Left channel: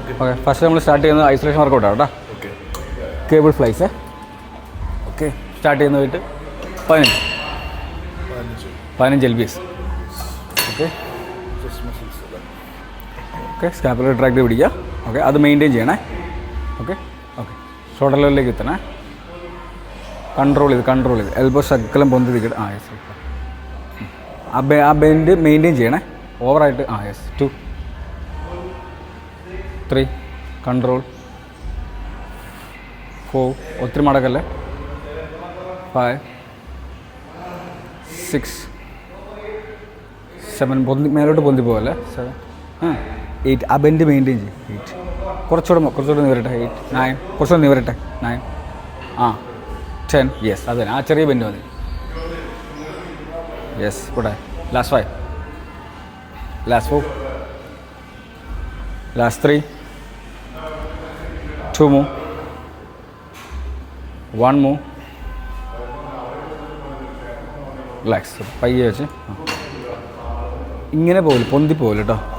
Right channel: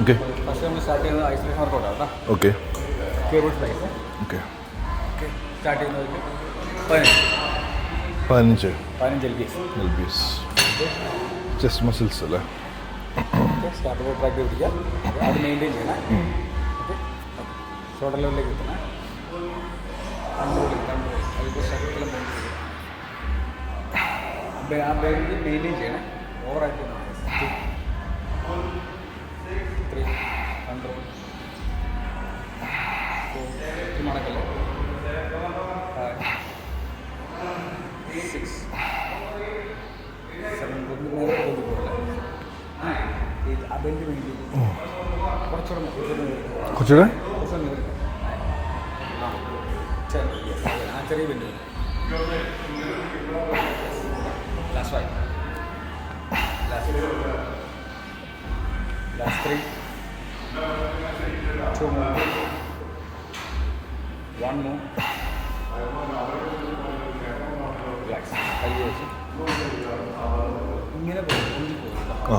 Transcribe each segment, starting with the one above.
Okay okay first നമ്മൾ start ചെയ്യുന്നത് isolation വർക്കൗട്ടാണ് കേട്ടോ. Okay cable flies. Okay okay start ചെയ്യുന്നതായിട്ട് 15 LBs. ഓക്കെ ചെസ്റ്റ് മസിൽസ് അല്ലേ? ഓക്കെ സ്കാപ്പുലർ ട്രാക്ട് പിടിക്കുക. ഓക്കെ അത് മെയിൻറ്റെയിൻ ചെയ്യണേ. ഓക്കെ ഓക്കെ ഷോൾഡർ ലെവലിലേക്ക് എത്തണേ. കൺട്രോൾ ചെയ്ത് എൽബോ ശക്കലം പൊന്തി നിൽക്കട്ടെ. യെസ് ആ ബെൻഡ് മെയിൻറ്റെയിൻ ചെയ്യണേ. ഓവറായിട്ട് യെസ് 2 3 കൺട്രോൾ 4 ഒത്തിരി മടക്കല്ലേ 5 6 7 മേലോട്ട് പൊന്തി പോകല്ലേ 7 8 ആ ബെൻഡ് മെയിൻറ്റെയിൻ ചെയ്യും. കുറച്ചുകൂടെ നിവരട്ടെ. 8 9 കുറച്ചുകൂടെ നിവരട്ടെ 9 10 യെസ് അതെ ആ ചെറിയ ബെൻഡ് മതി. യെസ് കൂടെ last 5 last 4 last 3 2 move 1 move relax. പയ്യെ വെച്ച് ഇങ്ങനെ പോകില്ല, പൊന്തി പോകില്ല കേട്ടോ.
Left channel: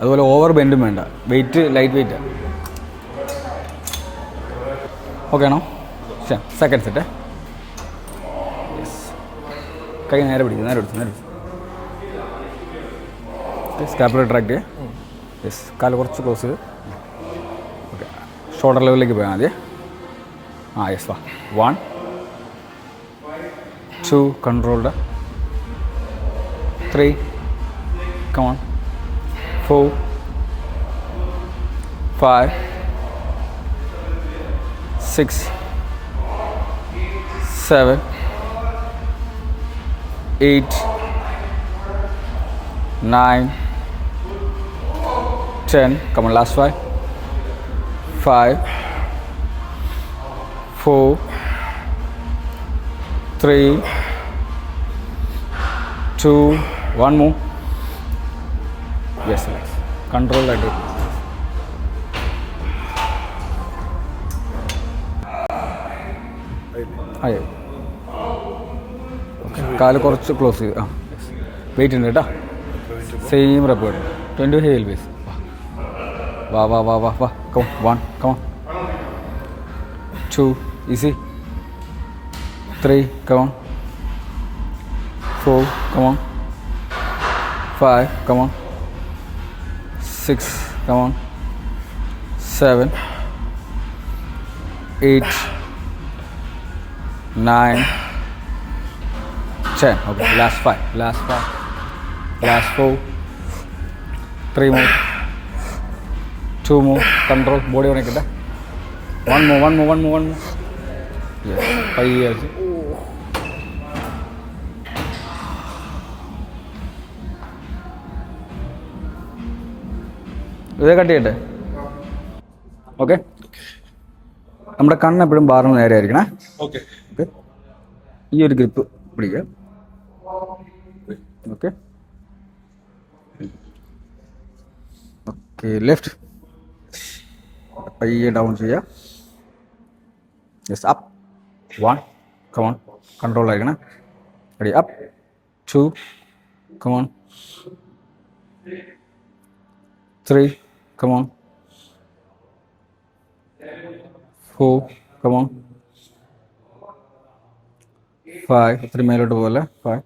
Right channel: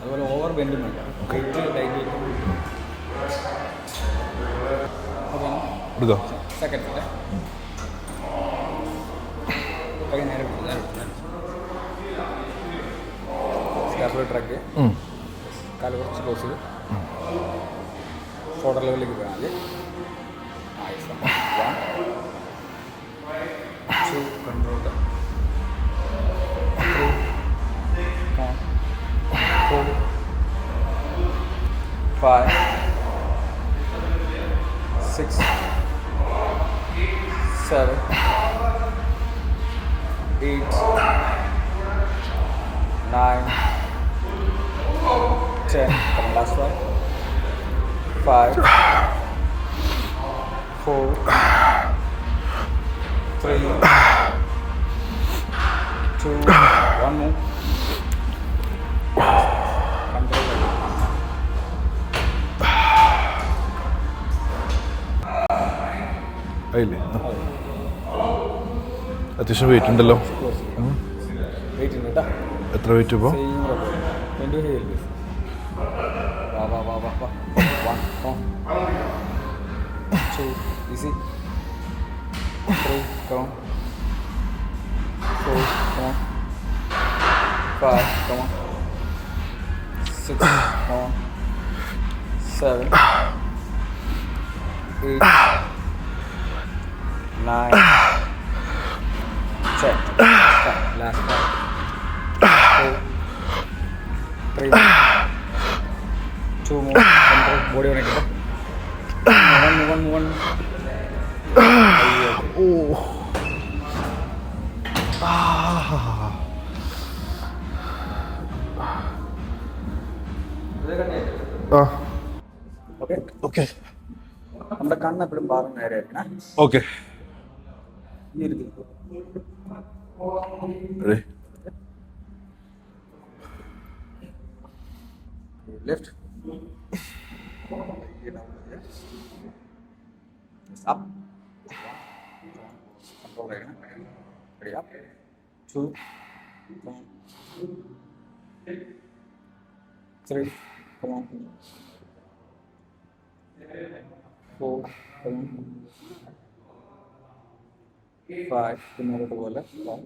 അതുപോലെ ഓവർ ബെൻഡും വേണ്ട. Weight light weight. ഓക്കെ ആണോ? Second set. കൈ നേരെ പിടിച്ചു. Scapular tract. യെസ് കാല് കുറച്ച് ക്ലോസ് ചെയ്ത്. ഓക്കെ ഷോൾഡർ ലെവലിലേക്ക് പോയാൽ മതി. Yes 1 2 controlled 3 come on 4 5 6 7 8 9 10 come on last 5 4 3 2 1 more. Yes, control that. അത്യാവശ്യം കാല് കുറച്ച് ക്ലോസ് ചെയ്യുക. വെയിറ്റ് ഉണ്ട് കേട്ടോ. എത്ര വെയിറ്റ്? Same rep 20 LBs. വാ 1 come on 2 easy 3 come on 4 come on 5 come on 6 come on 7 8 9 10. Okay last 5 last 4 3 more 2 more control body on it. one more yeah. ഇതേ cut ചെയ്യട്ടെ. ഓക്കെ നമ്മുടെ കണ്ണ് എപ്പോഴും ബാറിന് നേരെ ആയിരിക്കണേ. ഓക്കെ ഈ ഒരു ഗ്രിപ്പ് പിടിക്കുക. ഓക്കെ ഓക്കെ ലെഫ്റ്റ് പയ്യെ ഡൗൺ ചെയ്യുക. Yes up 1 come on control ആയിരിക്കണം. Ready up 2 come on 3 come on 4 come on 5 3 മേലോട്ട് പോലെ 5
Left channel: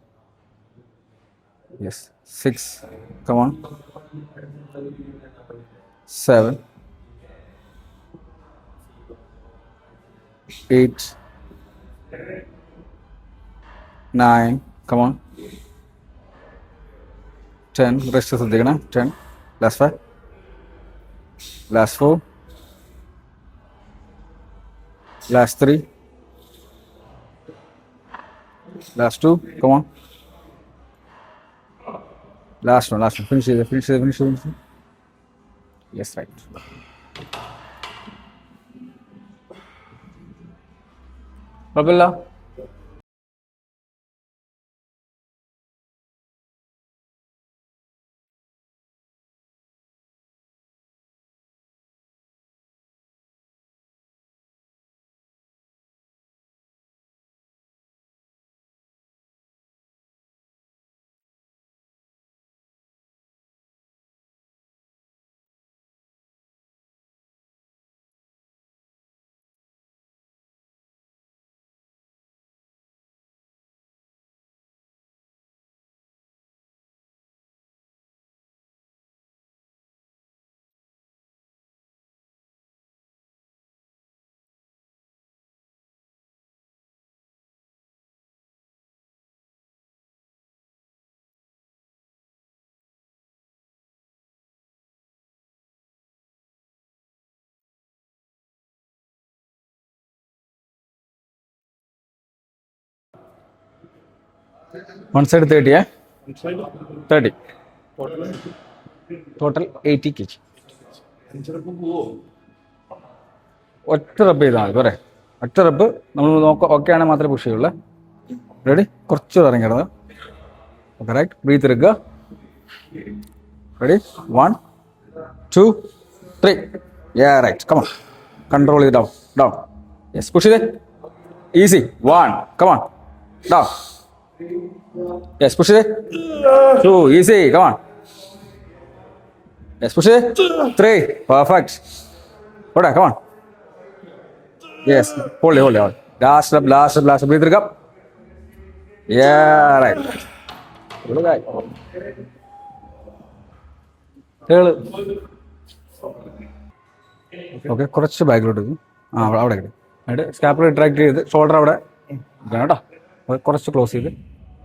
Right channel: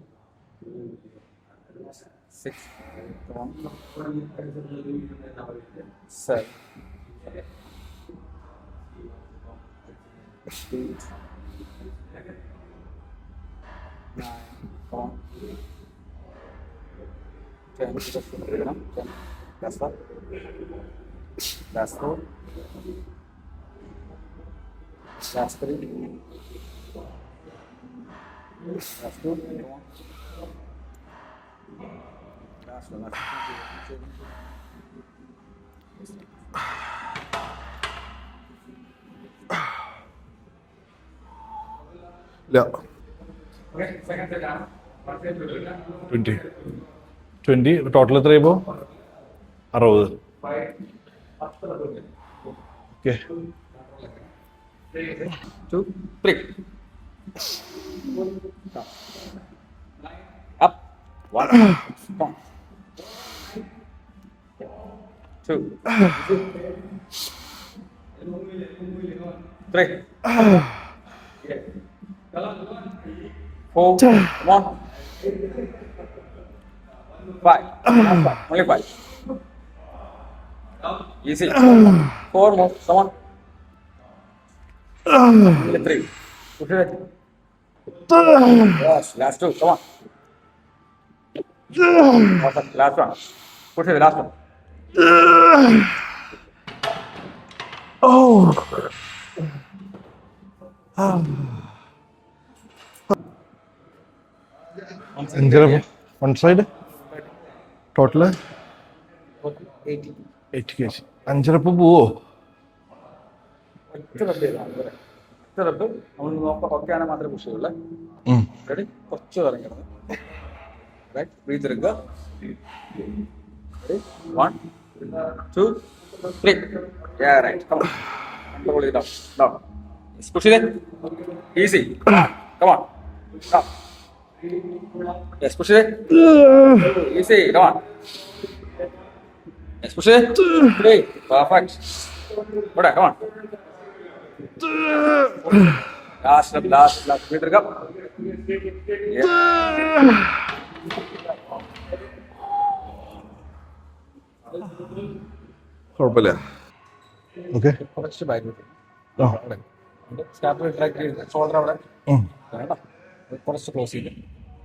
yes 6 come on 7 8 9 come on 10 rest ശ്രദ്ധിക്കണം. 10 last 5 last 4 last 3 last 2 come on last one finish it. Yes right കുഴപ്പമില്ല. 20 total എത്ര ചെയ്യുമ്പോൾ 60. Okay 2 3 up 1 down 2, 3, 4, come on. 5, only 5. Easy. 4 more, come on. Only 3. Push it. Yes, last 2, come on. Awesome, last one. Push it, last one. One side 30, yeah? One side 30. Total Total 80 kg. 8 kg. 5 rep പോവോ? ഒറ്റ റബ്ബ് ചെയ്താൽ മതി പോരെ. ഒറ്റ റബ്ബ് നമ്മൾ okay ആണെങ്കിൽ മാത്രമേ പുഷ് ചെയ്യുള്ളൂ. റെഡി? കുറച്ച് ഇറങ്ങിയിടുന്നത്. Okay right. ബ്രീത്ത് എടുക്കുക. Ready? 1, 2, 3. Yeah, right. Come on. Control it down. Down. Yes, pushing it. Easy. 1. Come on. Down. Yes, push it. 2. Easy. Come on. Yes, push it. 3. Perfect. Hold on, come on. Yes, hold it. Last up. Breathe it up. Yeah, right. Good guy. കുഴപ്പമില്ല. Okay okay കുറച്ച് ബാക്കിലോട്ട് അവിടെ എന്നിട്ട് സ്കാപ്പിൾ tract ചെയ്ത് shoulder അവിടെ കേട്ടോ കുറച്ച് close ചെയ്ത്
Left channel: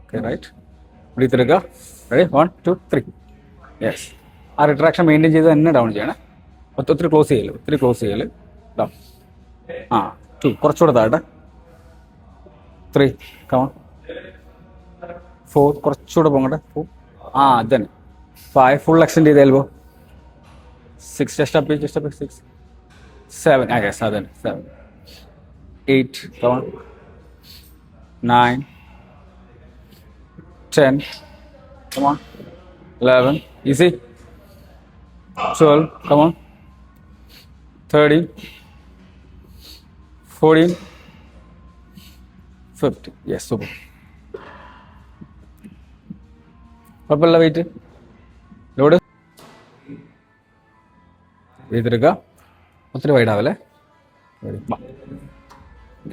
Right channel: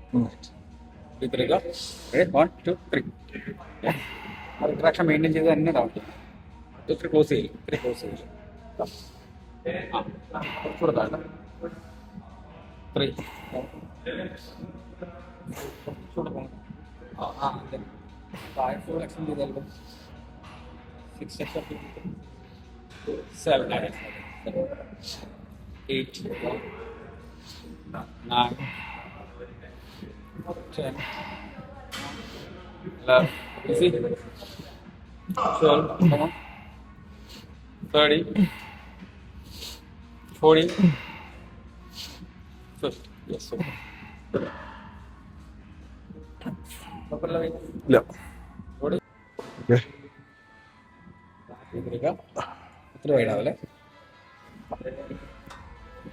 ഓക്കെ റൈറ്റ് ബ്രീത്ത് എടുക്കുക റെഡി 1, 2, 3 യെസ് ആ റിട്രാക്ഷൻ മെയിൻറ്റെയിൻ ചെയ്ത് തന്നെ ഡൗൺ ചെയ്യണം ഒത്തിരി ക്ലോസ് ചെയ്യല് ഡൗൺ 2 കുറച്ചുകൂടെ താഴെ 3 കമോൺ 4 കുറച്ചുകൂടെ പോകട്ടെ 4 then 5 ഫുൾ എക്സ്റ്റെൻഡ് ചെയ്ത് elbow 6 just up 6 7 I guess 7 8 come on 9 10 come on 11 easy 12 come on 13 14 15 yes super കുഴപ്പമില്ല വെയിറ്റ് ഇല്ല. ലോഡ് ഓക്കെ ചെയ്തെടുക്കുക ഒത്തിരി വൈഡാവല്ലേ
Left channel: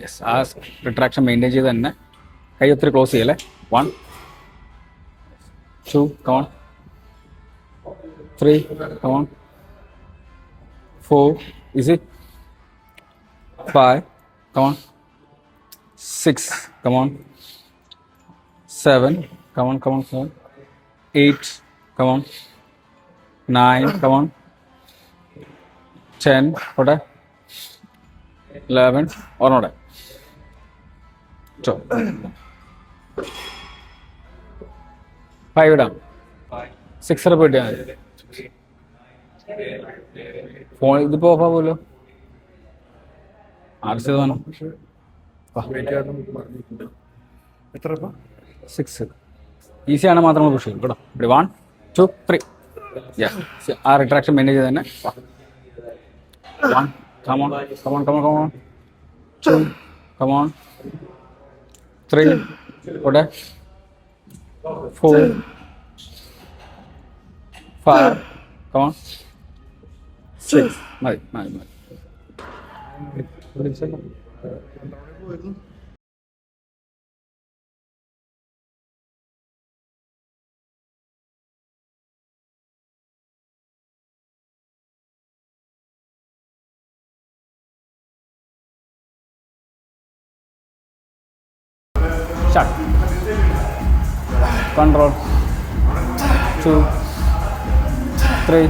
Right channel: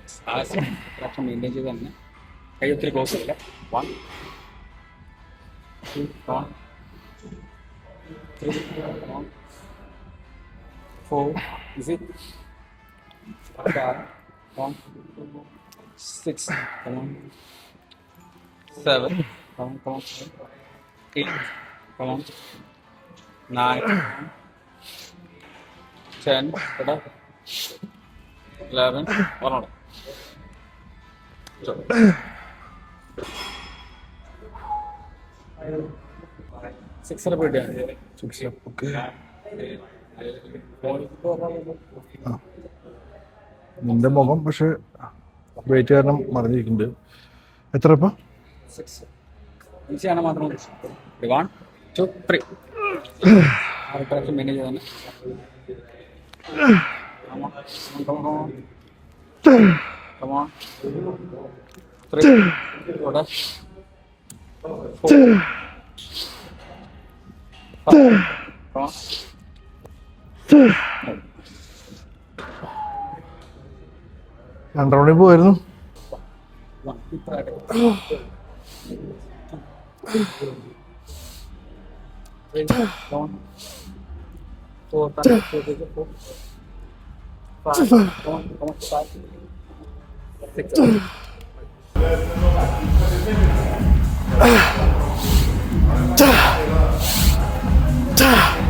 യെസ് ആ റിട്രാക്ഷൻ മെയിൻറ്റെയിൻ ചെയ്ത് തന്നെ കൈ ഒത്തിരി ക്ലോസ് ചെയ്യല്ലേ 1, 2 come on 3 come on 4 easy 5 come on 6 come on 7 come on 8 come on 9 come on 10 ഓടെ 11 ഒന്നോടെ 5 ഇടാം 6 റെപ്പ് കിട്ടിയാൽ മതി ഓക്കെ ഫോൺ ഇതിപ്പോ ഓഫ് ആവുമല്ലോ പോകാം. പക്ഷെ വെയിറ്റ് കാരണം മറിഞ്ഞിരിക്കുന്നുണ്ട്. എത്ര ഇപ്പം? 6 ഈസിയാണ് മാത്രം പുഷ് ചെയ്യും കേട്ടോ 1, 2, 3 ആ റിട്രാക്ഷൻ മെയിൻറ്റെയിൻ ചെയ്ത് തന്നെ 1 come on 2 come on 3 ഓടെ 4 5 come on 6 മതി 2 റൗണ്ടിൽ പോയിരുന്നു. Shut. Control. 2, 3,